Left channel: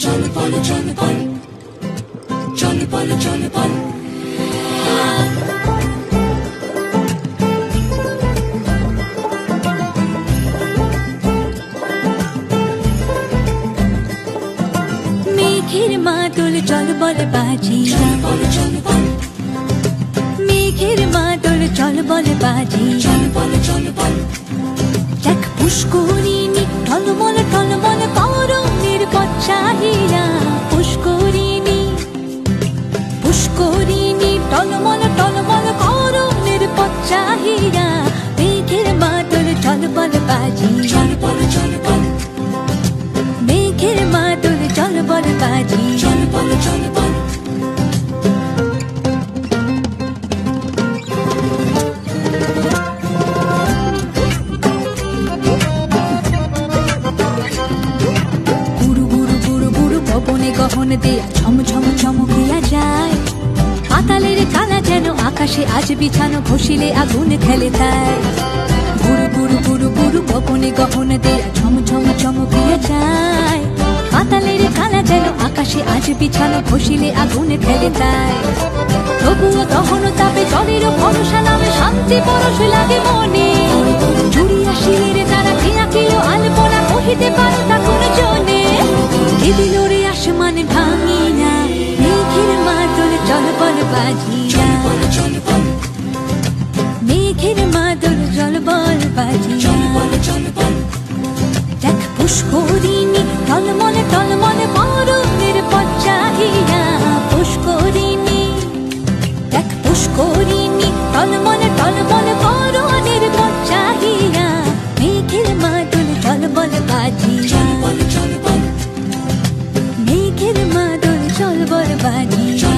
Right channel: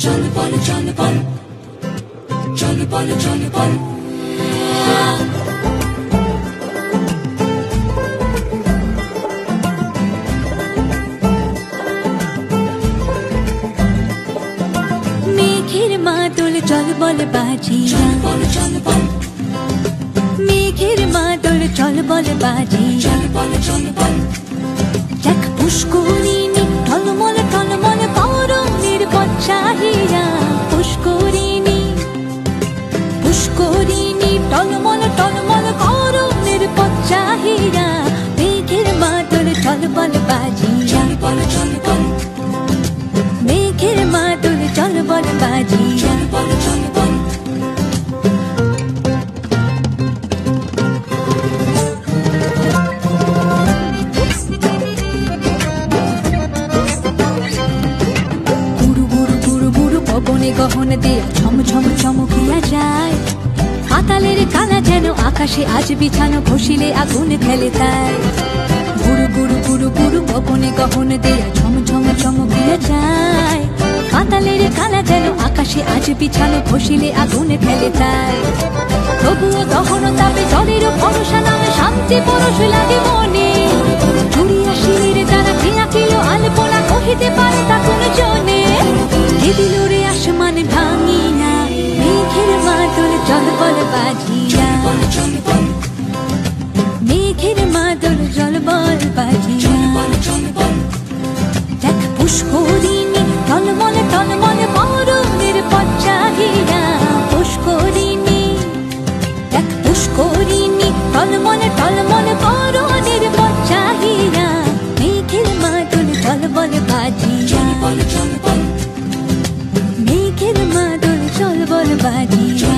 চল বল চল বল চল বল চল বল মেঘের মাদল চল বল বাজিরা মেঘের মাদল চল বল বাজিরা দেখ পুষ্করিণী টলমল টলমল করণের পচ্চাহিরা পুষ্করিণী পুষ্করিণী টলমল টলমল করণের পচ্চাহিরা মেঘের মাদল চল বল বাজিরা মেঘের মাদল চল বল বাজিরা পবনে গহন দেয়া ঝমঝম চমকিয়া যায় পাতালের কালা যেন আকাশে আজ বিছানো ঘষিলে আগুন খেলে তাই গুরু গুরু গুরু গুরু পবনে গহন দেয়া ঝমঝম চমকিয়া যায় পাতালের কালা যেন আকাশে আজ বিছানো ঘষিলে আগুন খেলে তাই তবুও গহন তাপে জলের ভরসা নামে শান্তি পরশ লাগে মনে জুড়িয়া শিলের তারা ক্রিয়া কিলো আলপনা কহিতে পারে তা কোন জনে দিল রে আসমান ভাঙিয়া মেঘের মাদল চল বল বাজিয়া মেঘের মাদল চল বল বাজিয়া দেখ পুষ্করিণী টলমল টলমল করণের পচ্চাহিয়া পুষ্করিণী দেখ পুষ্করিণী টলমল টলমল করণের পচ্চাহিয়া মেঘের মাদল চল বল বাজিয়া মেঘের মাদল চল বল বাজিয়া